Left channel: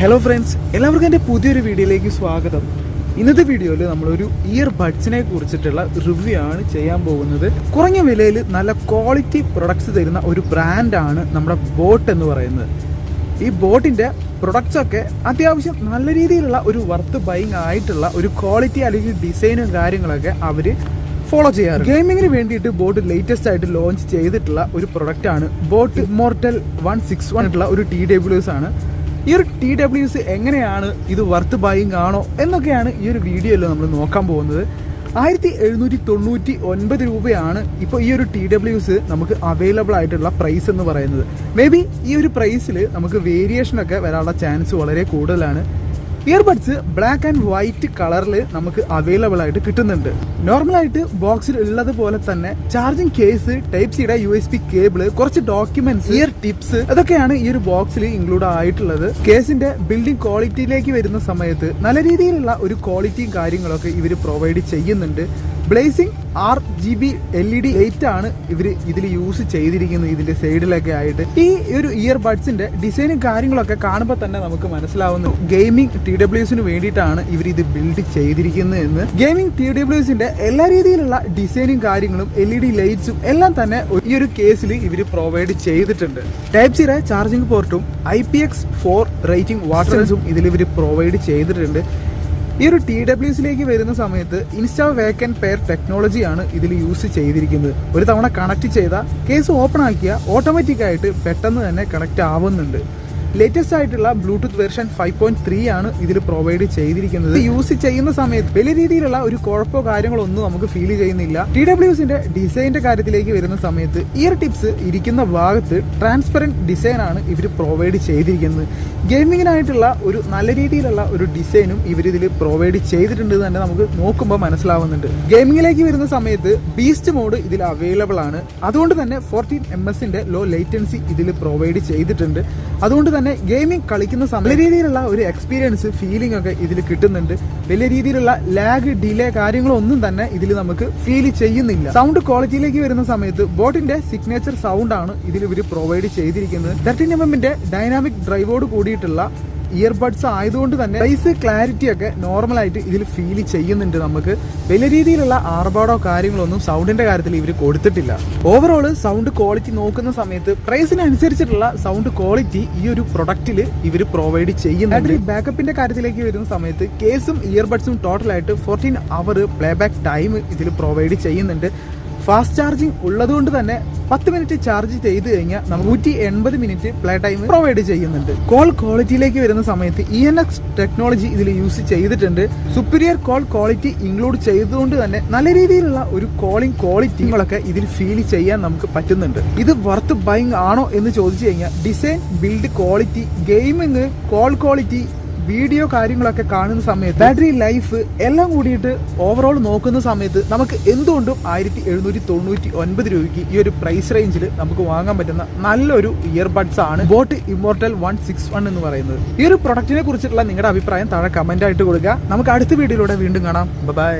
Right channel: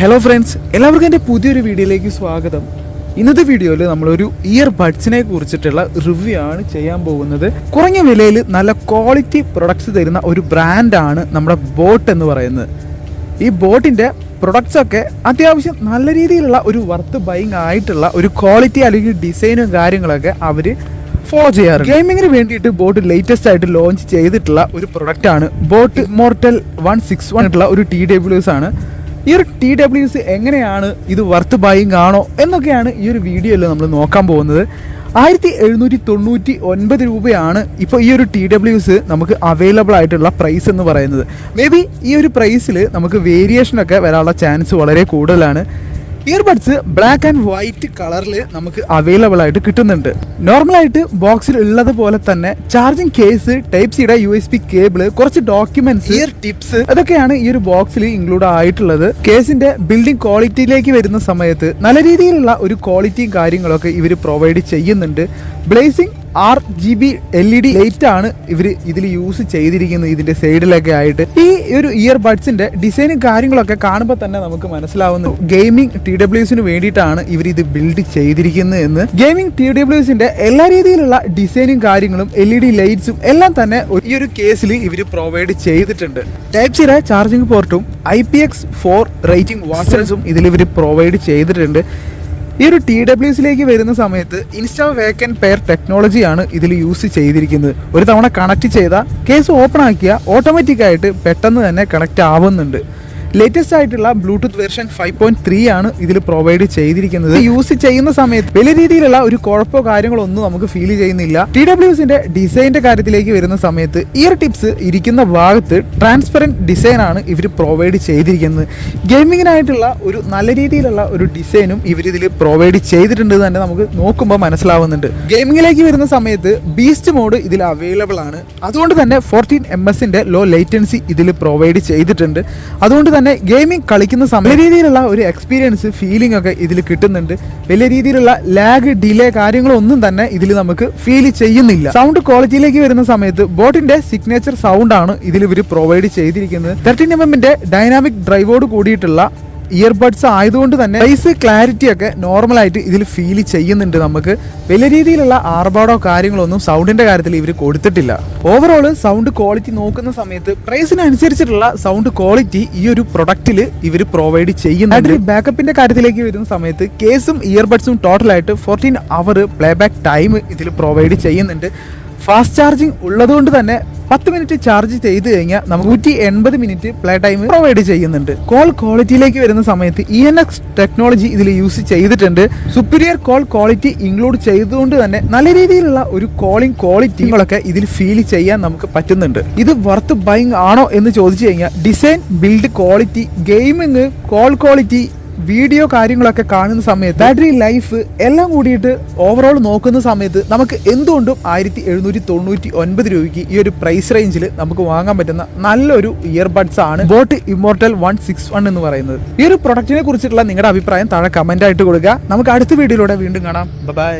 Hello friends, എല്ലാവർക്കും എൻ്റെ പുതിയൊരു വീഡിയോയിലേക്ക് സ്വാഗതം. ഇന്നത്തെ വീഡിയോയിൽ നമ്മളൊരു ഇയർ ബഡ്സിനെ കുറിച്ചിട്ടുള്ള റിവ്യൂ ആണ് ചെയ്യാൻ പോകുന്നത്. കുറഞ്ഞ വിലയിൽ നല്ല ക്വാളിറ്റി പ്രൊഡക്ട്സ് തരുന്ന ഒരു ബ്രാൻഡാണ് നമ്മുടെ ബോട്ട് എന്ന് പറയുന്നത്. ഈ ബോട്ടിൻ്റെ പ്രൊഡക്ട്സ് ഒക്കെ അത്യാവശ്യം നല്ല രീതിയിലുള്ള ഒരു വർത്ത് ബൈങ് ആയിട്ടുള്ള ഒരു ക്വാളിറ്റി അല്ലെങ്കിൽ ഡിസൈനും കാര്യങ്ങളൊക്കെ അവർ ഫോളോ ചെയ്യാറ്. ഗെയിമിങ്ങിന് വേണ്ടിയിട്ട് ബോട്ട് ലേറ്റസ്റ്റ് ആയിട്ട് ലോഞ്ച് ചെയ്തിട്ടുള്ള ഒരു പ്രൊഡക്റ്റ് ആണ് ബോട്ട് ഇമ്മോർട്ടൽ 161 ആയിട്ടുള്ള ഒരു TWS ആണ്. ഈ ഒരു TWS എങ്ങനെയാണ് ഇത് വർത്ത് ബൈയിങ് ആണോ എന്നൊക്കെയാണ് ഈ ഒരു വീഡിയോയിൽ നമ്മൾ നോക്കാൻ പോകുന്നത്. 1799 രൂപയാണ് ഇപ്പോൾ ഈ ഒരു TWS നമുക്ക് അവൈലബിൾ ആയിട്ടുള്ള പ്രൈസ് എന്ന് പറയുന്നത്. മേ ബി ഈ ഒരു പ്രൈസിൽ നമുക്ക് വേരിയേഷനൊക്കെ വരാനുള്ള ചാൻസ് വളരെ കൂടുതലാണ്. ഇയർബഡ്സ് ബ്ലാക്ക് ആൻഡ് വൈറ്റ് കളറിൽ നമുക്ക് അവൈലബിൾ ആയിട്ട് കിട്ടുന്നുണ്ട്. നോർമലായിട്ട് ബോക്സിൽ ഉള്ളത് പോലെ തന്നെ ചാർജിങ് കേസ്, ടൈപ്പ് സിയുടെ USB കേബിള്, കുറച്ച് ഡോക്യുമെന്റ്സ്, ഇയർ ടിപ്സ്, അതൊക്കെയാണ് ഈ ഒരു ബോക്സിൽ ഇൻക്ലൂഡ് ആയിട്ടുള്ളത്. കേസിന്റെ ബിൽഡിംഗ് ക്വാളിറ്റിയിലേക്ക് വരുന്ന സമയത്ത് നല്ല രീതിയിലുള്ള ഒരു ക്വാളിറ്റിയും കാര്യങ്ങളൊക്കെ ഇവർ പ്രൊവൈഡ് ചെയ്യുന്നുണ്ട്. ബ്ലേസിംഗ് RGB LED ലൈറ്റ് ആണ് ഇവർ ഇതിൽ യൂസ് ചെയ്തിരിക്കുന്നത്. ഇതിന്റെ സൈഡിലൊക്കെ ആയിട്ട് ഈ ഒരു ഇയർ ബഡ്സിന്റെ ഡിസൈനും കാര്യങ്ങളൊക്കെ കാണുമ്പോൾ തന്നെ നമുക്ക് മനസ്സിലാവുന്നു ഗെയിമിംഗ് TWSന് വേണ്ടിയിട്ടാണ് ഇവർ ഇത് ബിൽഡ് ചെയ്തിരിക്കുന്നത് എന്ന്. ഗെയിമിംഗ് TWSന്റെ എല്ലാ രീതിയിലുള്ള ഡിസൈനും കാര്യങ്ങളും LED ലൈറ്റ്സും എല്ലാം തന്നെ ഈ ഒരു കേസിൽ ഇവർ പ്രൊവൈഡ് ചെയ്തിട്ടുണ്ട്. ടൈപ്പ് സിയുടെ ചാർജിംഗ് പോർട്ടും IPX4 റേറ്റിംഗ് വാട്ടർസും ഇതിൽ ഇവർ പ്രൊവൈഡ് ചെയ്തിട്ടുണ്ട്. ഈ ഒരു TWSലേക്ക് വരുന്ന സമയത്ത് ഇൻസ്റ്റാ വേക്കൻറ്റ് പെയർ ടെക്നോളജിയാണ് ഇതിൽ യൂസ് ചെയ്തിരിക്കുന്നത്. ഒരു തവണ കണക്ട് ചെയ്താൽ കേസ് ഓപ്പൺ ആക്കിയാൽ ഓട്ടോമാറ്റിക്കായിട്ട് പെട്ടെന്ന് തന്നെ കണക്ട് ആവുന്നുണ്ട്. ലേറ്റസ്റ്റ് ആയിട്ടുള്ള ബ്ലൂടൂത്ത് വെർഷൻ 5.3 ആണ് ഇതിൽ പ്രൊവൈഡ് ചെയ്തിരിക്കുന്നത്. യൂസ് ചെയ്യുന്ന സമയത്ത് വലിയ രീതിയിലുള്ള ഒരു കുഴപ്പമോ കാര്യങ്ങളോ ഒന്നും നമുക്ക് ഫീൽ ചെയ്യുന്നില്ല. TWSന്റെ ഡിസൈനിന്റെ കാര്യത്തിലേക്ക് വരുന്ന സമയത്ത് ഇയർ ടിപ്സ് ഇരിക്കുന്ന ഭാഗത്ത് ട്രാൻസ്പെറന്റ് ഡിസൈൻ ആണ് ഇവർ പ്രൊവൈഡ് ചെയ്തിരിക്കുന്നത്. ഗെയിമിങ്ങിനായിട്ടുള്ള ഒരു നല്ല രീതിയിലുള്ള ഒരു ഡിസൈനും ഇവരിതിൽ പ്രൊവൈഡ് ചെയ്തിട്ടുണ്ട് തന്നെ നമുക്ക് നോക്കുമ്പോൾ മനസ്സിലാവുന്നുണ്ട്. ഗെയിമിങ്ങിലേക്ക് വരുന്ന സമയത്ത് ബീസ്റ്റ് മോഡ് ഇതിൽ അവൈലബിൾ ആണ്. അതുകൊണ്ട് തന്നെ 14ms ലോ ലേറ്റൻസി ഇതിൽ പ്രൊവൈഡ് ചെയ്തിട്ടുണ്ട്. അതുകൊണ്ട് തന്നെ ഗെയിമിംഗ് കളിക്കുന്ന സമയം വലിയ രീതിയിലുള്ള ഒരു എക്സ്പീരിയൻസ്, ഫീലിംഗ് ഒക്കെ ഇതിൽ കിട്ടുന്നുണ്ട്. വലിയ രീതിയിലുള്ള ലാഗ്, ഡിലേ കാര്യങ്ങളൊന്നും തന്നെ ഇതിൽ നമുക്ക് ഫീൽ ചെയ്യുന്നില്ല. സൗണ്ട് ക്വാളിറ്റിയിലേക്ക് വരുന്ന സമയത്ത് ബോട്ടിന്റെ സിഗ്നേച്ചർ സൗണ്ട് ആണ് ഇതിൽ ഇവർ പ്രൊവൈഡ് ചെയ്തിരിക്കുന്നത്. 13mm ഡൈനാമിക് ഡ്രൈവോട് കൂടിയിട്ടുള്ള ഇയർബഡ്സ് ആയതുകൊണ്ട് തന്നെ വോയിസ് ക്ലാരിറ്റി ഒക്കെ നോർമലായിട്ട് ഇതിൽ ഫീൽ ചെയ്യുന്നുണ്ട്. നമുക്ക് വലിയ രീതിയിലുള്ള ആർഭാടോ കാര്യങ്ങളൊന്നും സൗണ്ടിന്റെ കാര്യത്തിൽ ഇവർ കൊടുത്തിട്ടില്ല. ഓവറോൾ സൗണ്ട് ക്വാളിറ്റി നോക്കുന്ന സമയത്ത് പ്രൈസിനനുസരിച്ചിട്ടുള്ള സൗണ്ട് ക്വാളിറ്റി ഈ ഒരു പ്രൊഡക്റ്റിൽ ഇവർ പ്രൊവൈഡ് ചെയ്യുന്നുണ്ട്. ബാക്കപ്പിന്റെ കാര്യത്തിലേക്ക് വരുന്ന സമയത്ത് കേസും ഇയർബഡ്സും ടോട്ടലായിട്ട് 14 അവർ പ്ലേബാക്ക് ടൈം ഇതിൽ പ്രൊവൈഡ് ചെയ്യുന്നുണ്ട്. ഫാസ്റ്റ് ചാർജിങ് ഉള്ളതുകൊണ്ട് തന്നെ 10 മിനിറ്റ് ചാർജ് ചെയ്ത് കഴിഞ്ഞാൽ നമുക്ക് 180 മിനിറ്റ് പ്ലേ ടൈം പ്രൊവൈഡ് ചെയ്യുന്നുണ്ട്. കോൾ ക്വാളിറ്റിയിലേക്ക് വരുന്ന സമയത്ത് ENX ടെക്നോളജി ഇതിൽ യൂസ് ചെയ്തിട്ടുണ്ട്. സുപ്പീരിയർ കോൾ ക്വാളിറ്റി ഇൻക്ലൂഡ് ചെയ്തുകൊണ്ട് തന്നെ നല്ല രീതിയിലുള്ള ഒരു കോളിംഗ് ക്വാളിറ്റികളൊക്കെ ഇതിൽ ഫീൽ ചെയ്യാൻ നമുക്ക് പറ്റുന്നുണ്ട്. ഇത് വർത്ത് ബൈങ് ആണോ എന്ന് ചോദിച്ചു കഴിഞ്ഞാൽ design, build quality, gaming, call quality, video കാര്യങ്ങളൊക്കെ കാണുന്ന സമയത്ത് ബാറ്ററി ലൈഫ് എല്ലാം കൂടിയിട്ട് ഓവറോൾ നോക്കുന്ന സമയത്ത് നമുക്ക് എന്തുകൊണ്ടും 1799 രൂപയ്ക്ക് ഈ ഒരു പ്രൈസ് റേഞ്ചിൽ നമുക്ക് വാങ്ങാൻ പറ്റുന്ന നല്ലൊരു ഇയർബഡ്സ് ആണ് ബോട്ട് ഇമ്മോർട്ടൽ 161 എന്ന് പറയുന്നത്. ഈ ഒരു പ്രൊഡക്റ്റിനെ കുറിച്ചിട്ടുള്ള നിങ്ങളുടെ അഭിപ്രായം താഴെ കമന്റ് ആയിട്ട് കൊടുക്കുക. നമുക്ക് അടുത്ത വീഡിയോയിലൂടെ വീണ്ടും കാണാം. ബൈ.